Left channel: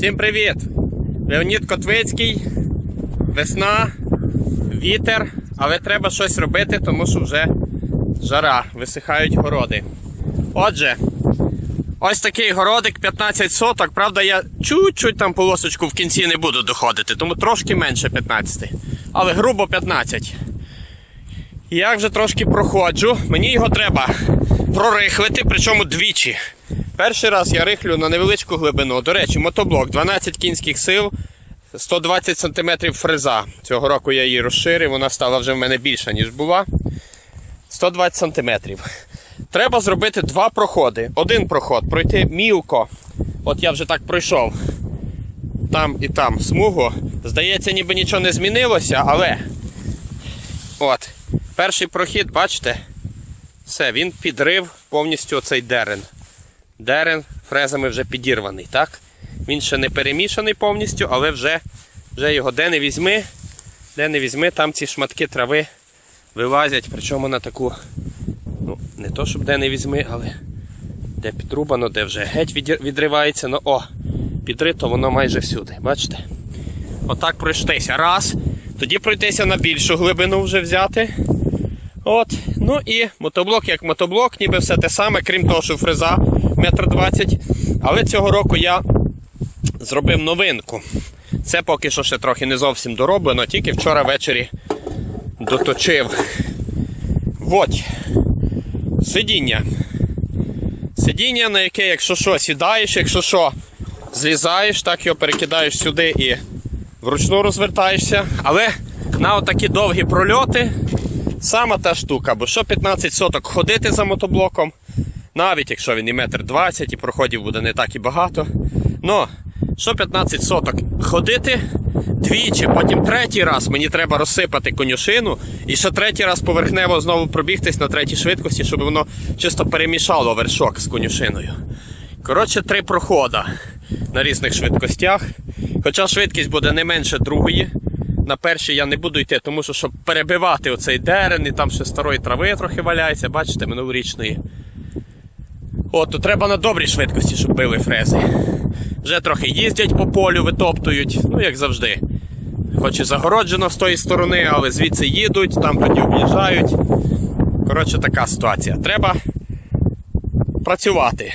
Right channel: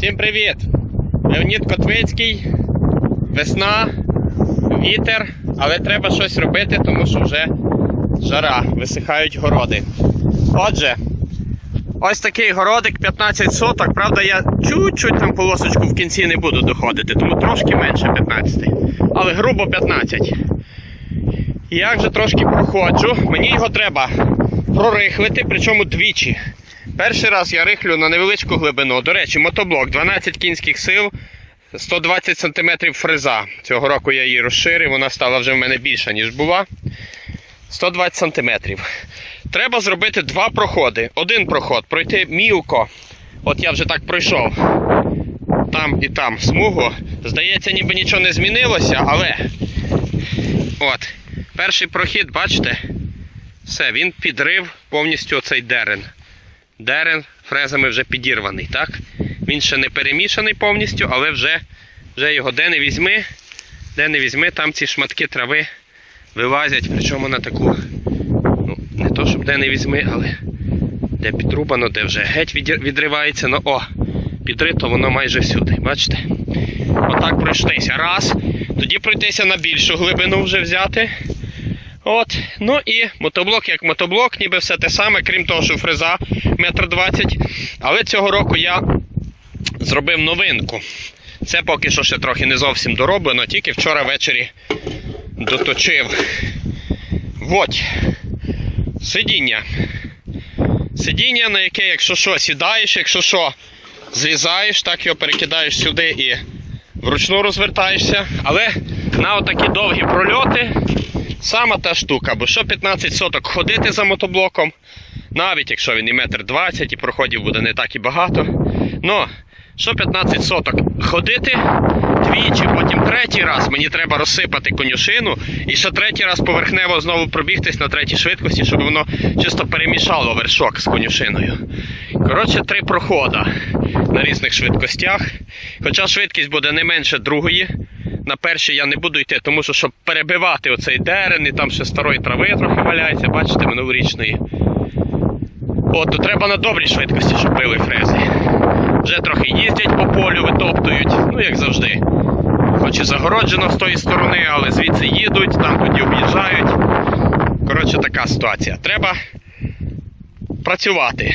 Всім привіт! Леонід Котвицький, весна, вітер, але треба щось робити, тому що вже жара, висихають городи. Отже, ось такий городик 15 соток. Правда, я чуть-чуть там полосочку в кінці не буду доходити, тому трошки менше 15. Але грубо 15. Я вже трошки проходжу. Мені його треба прорихлити, причому двічі. Перший раз я рихлю на невеличку глибину. До речі, мотоблок 12 кінських сил, 120 см фреза. Цього року я її розширив, вона стала вже в мене більша, ніж була. 120 см. Треба зробити два проходи. Один проход пройти мілко. От я вже так пройшов. Там і там смугу. Здається, ніби нічого не змінилося, але. От. Перший прохід, бачите? Все, він підрив повністю оцей дерен. Дерен фрезами вже підірваний, так? Він ще не перемішаний повністю, але вже, вже його де не візьми, де не візьми, там ці шматки трави вилазять, причому на таку, ну, не то, щоб де не візьми, але де підрубано, де вже геть відривається, ну о, підрито воно майже всюди, бачите? Отак пройшлися. Раз. Тоді пройтися на більшу глибину вже взяти. От, ну і мотоблок як мотоблок, ніби все те саме, крім того, що фреза метр двадцять. Але цього року я зробив новинку. Це поки що ще трохи не зовсім дороблено, тільки вчора ввечері доточив. От. Сидіння. Сидіння, на яке, якщо що, сідаєш, якщо що, злізаєш, так його перекидаєш сюди і вручну розвертаєшся. Але на отакі довгі прольоти сама та штука, бо що 15 соток ходити за мотоблоком, навіть якщо він і метр 20 і проходів буде не так і багато. Ну, що 15 соток ходити двічі, потім третій раз мені треба розсипати конюшину, і ще третій раз поверхнево знову пробігтись на третій швидкості, щоб воно чисто перемішало вершок з конюшиною. Коротше, три прохода на різних швидкостях. Хоча швидкість буде не менше другої. На першій я не буду йти, тому що щоб перебивати оцей дерен, і там ще старої трави трохи валяється, бачите, минулорічної. От, то треба на добрій швидкості, щоб били фрези. Вже трохи їздять по полю, витоптують, ну як завжди. Хоч і загороджено з тої сторони, але звідси їдуть, там тоді об'їжджають. Коротше, така ситуація. Треба працювати.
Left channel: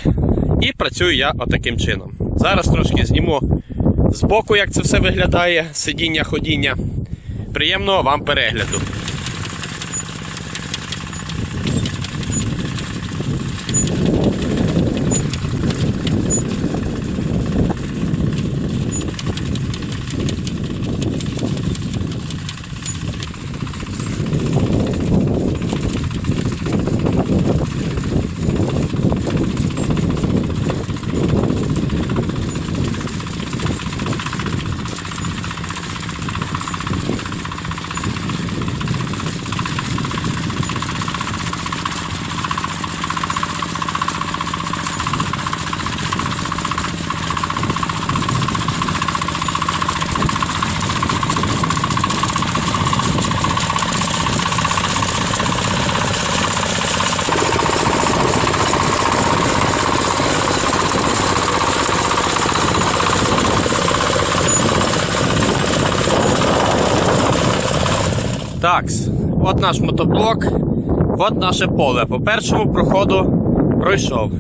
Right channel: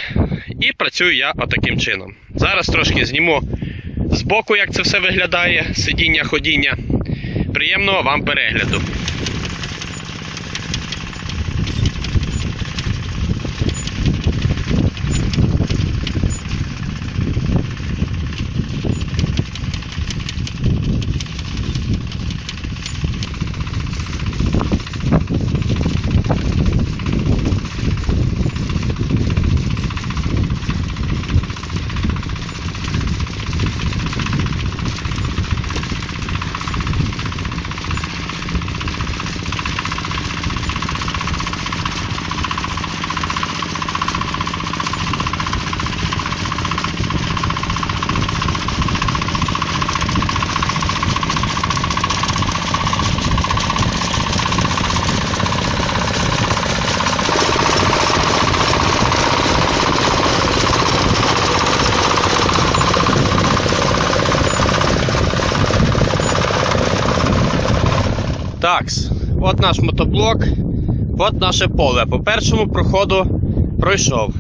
І працюю я отаким чином. Зараз трошки зніму збоку, як це все виглядає, сидіння, ходіння. Приємного вам перегляду. Такс, от наш мотоблок, от наше поле. По першому проходу пройшов.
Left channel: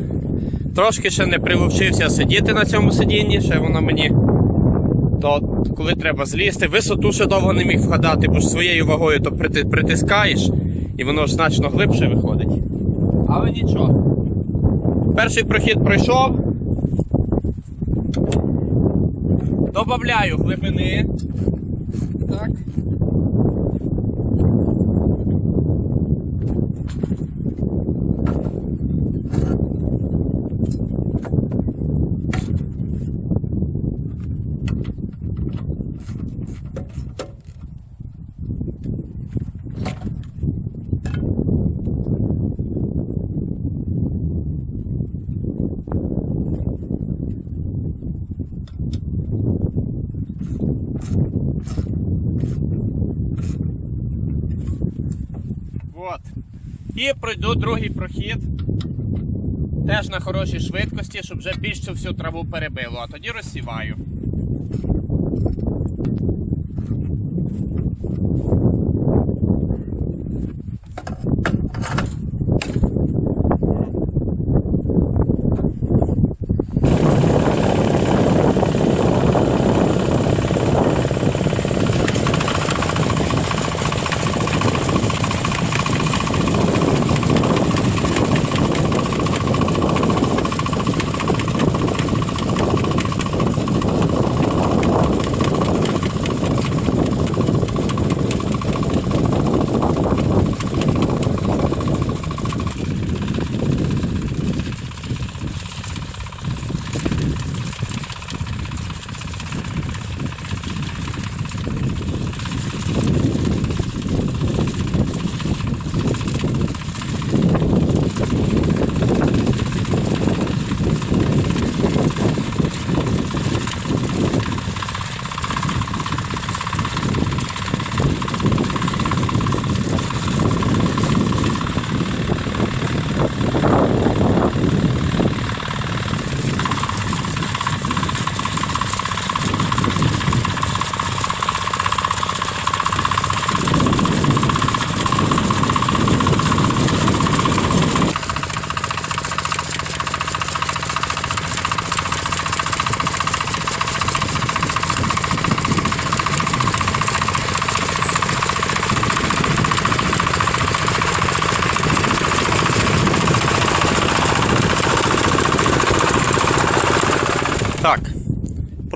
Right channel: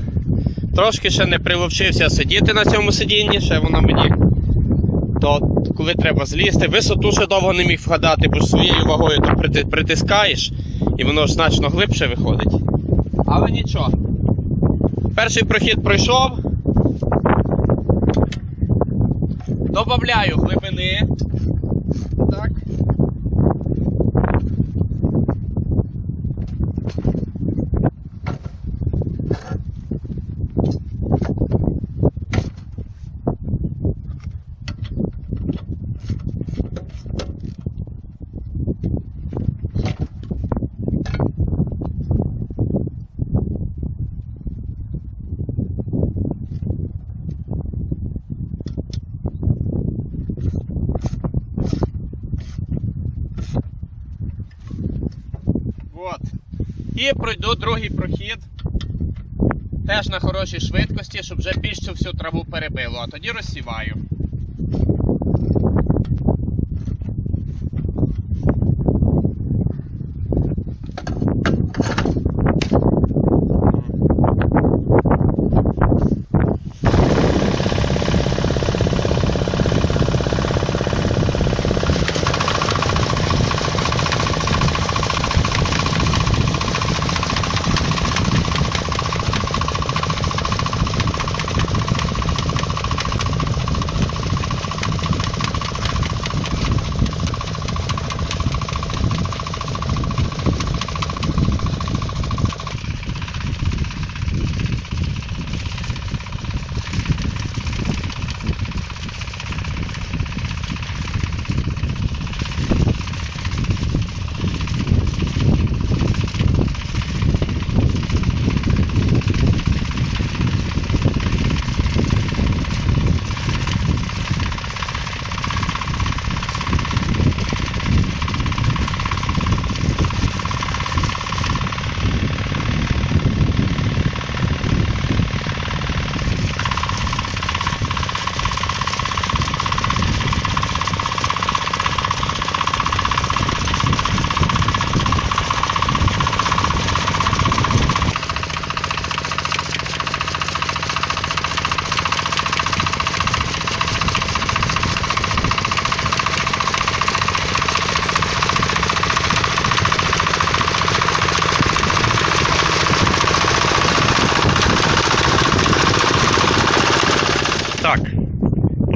Трошки ще не приловчився сидіти на цьому сидінні, ще воно мені. То коли треба злізти, висоту ще довго не міг вгадати, бо ж своєю вагою то притискаєш і воно ж значно глибше виходить. Але нічого. Перший прохід пройшов. Добавляю глибини. Так. От. І пройду другий прохід. Теж на хорошій швидкості, щоб вже більше всю траву перебило, а тоді розсіваю.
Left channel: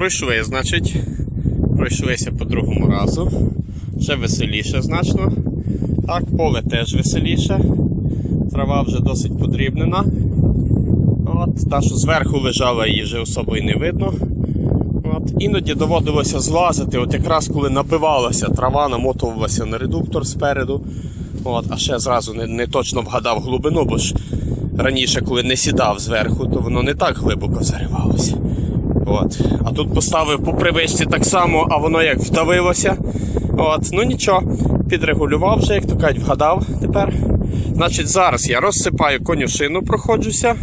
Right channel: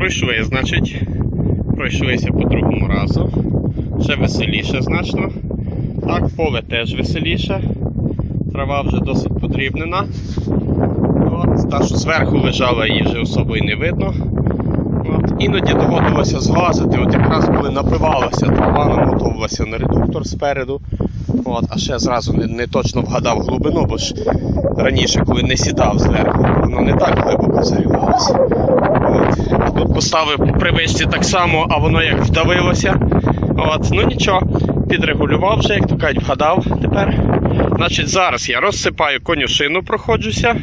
Пройшли, значить, пройшлися по другому разу. Ще веселіше значно. Так, поле теж веселіше. Трава вже досить подрібнена. От, та, що зверху лежала, її вже особо і не видно. От, іноді доводилося злазити, от якраз коли напивалася, трава намотувалася на редуктор спереду. От, а ще зразу не, не точно вгадав глибину, бо ж раніше, коли не сідав зверху, то воно не так глибоко заривалося. А тут поставив по привичці так само, а воно як вдавилося. От. Ну нічого, підрегулював вже, як то кажуть, вгадав тепер. Значить, зараз я розсипаю конюшину, проходжуся,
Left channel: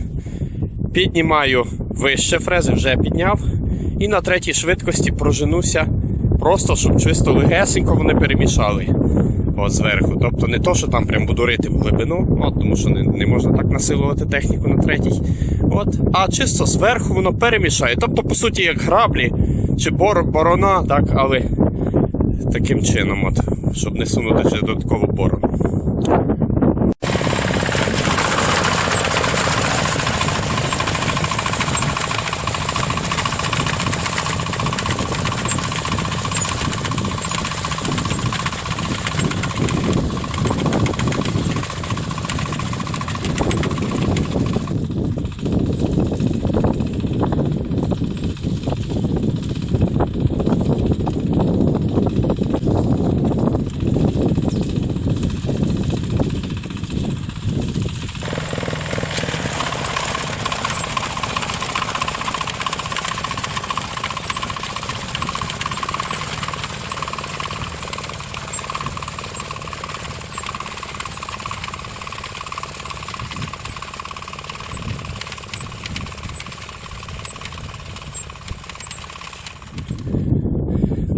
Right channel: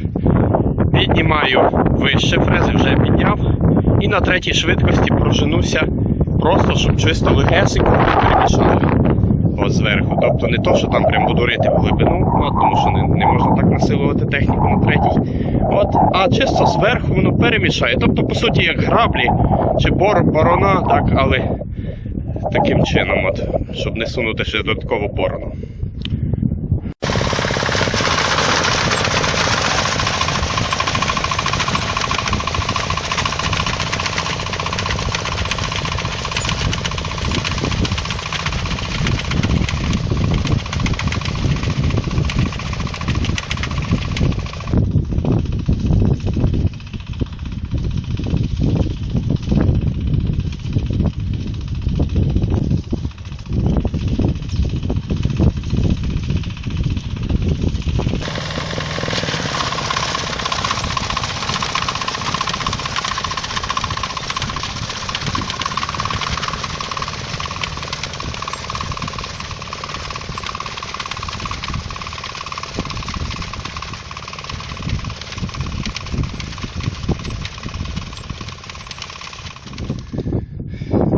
піднімаю вище фрези, вже підняв. І на третій швидкості проженуся просто, щоб чисто легесенько не перемішали. Зверху. Тобто не то, що там прям буду рити в глибину, от, тому що не, не можна так насилувати техніку на третій. От, а чисто зверху воно перемішає. Тобто, по суті, як граблі чи бор, борона, так, але таким чином, от, щоб не сунути ще додаткову борону.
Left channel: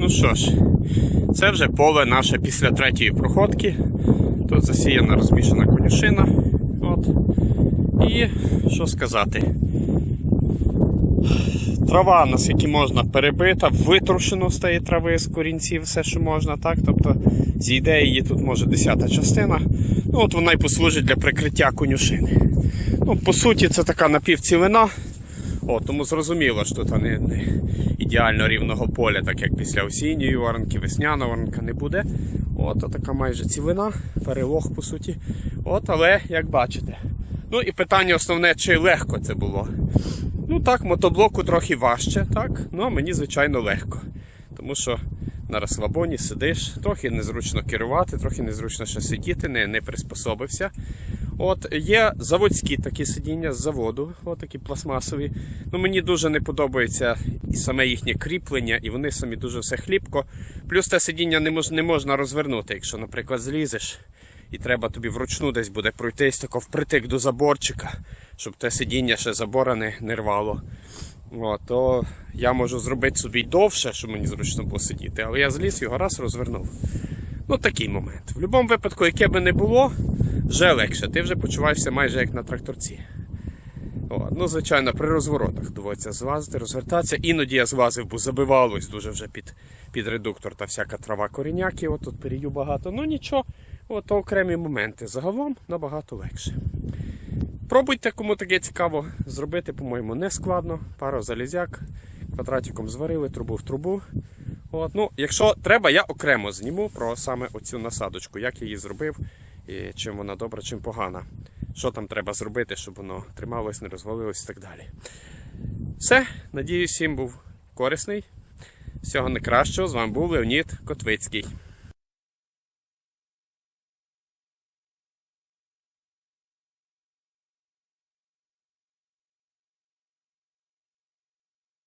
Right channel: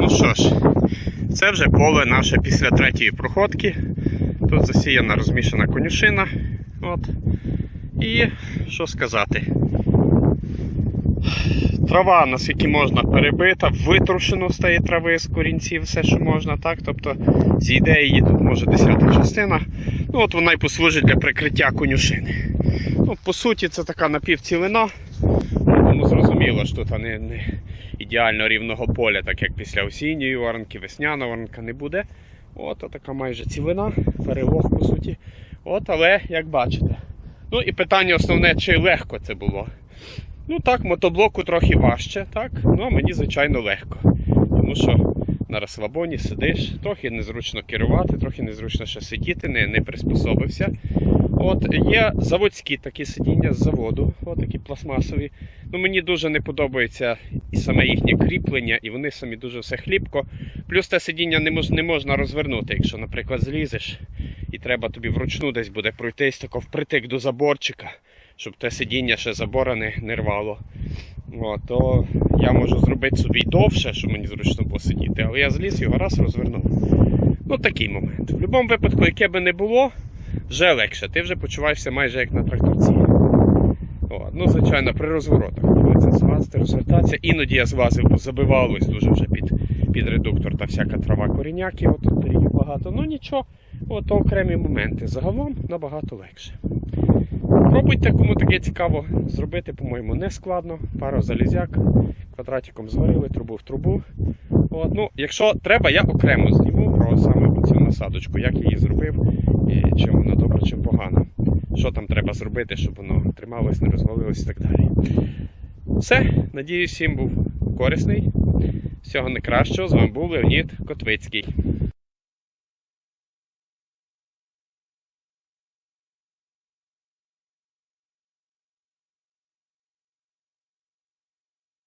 Ну ж, це вже поле наше після третьої проходки. Тут засіяна розмішана конюшина. От. І що сказати? Трава, наскільки можна, перебита, витрушено тієї трави з корінців, все, що можна, так? Тобто зійде її тут може десята частина. Ну, от вона й послужить для прикриття конюшини. Ну, по суті, це така напівцілина. Тому зрозуміло, що тут не, не ідеально рівного поля, так як після осінньої воронки, весняна воронка не буде. От, така майже цілина, перелог по суті. От, але як бачите. Ну і питання основне, чи легко це було. Ну так, мотоблоку трохи важче, так? Ну а мені, звичайно, легко. Тому що на розслабоні сидиш, трохи незручно керувати, трохи незручно ще сидіти, не, не приспособився. От є заводські такі сидіння з заводу, от такі пластмасові. Ну мені дуже не подобається і саме їхнє кріплення, і вони самі дуже все хліпко. Плюс те сидіння не, мож, не можна розвернути, якщо, наприклад, злізеш, і треба тобі вручну десь буде пройтись тако впритик до заборчика, щоб те сидіння ще забора не, не рвало. От, то я можу зробити собі довше, щоб мені зручно було сидіти, але я зліз його раз розвернув. Ну такий момент. В будь-якому випадку, яке би не було, вже легше. Ти вже почуваєшся майже як на тракторці. От. Ну, звичайно, при розворотах доводиться злазити, розвертатися. Іноді я злазив, бо забивалось дуже вже під, під редуктор та всяка трава коріняки. От тут передів багато. Ну нічого, от окремі моменти. Загалом набагато легше. Пробуйте, кому таке цікаво зробити, по-моєму, не складно. Пару залізяк, квадратиком зварили, трубу в трубу. От, ну, якщо треба, я окремо зніму про саме оцю насадочку, як я її зробив, і чим вона добра, чим погана. Що там треба зробити, щоб воно трималось, не розвалилось і так далі. Все, надіюсь, всім був корисний. Всього найкращого. З вами був Леонід Котвицький.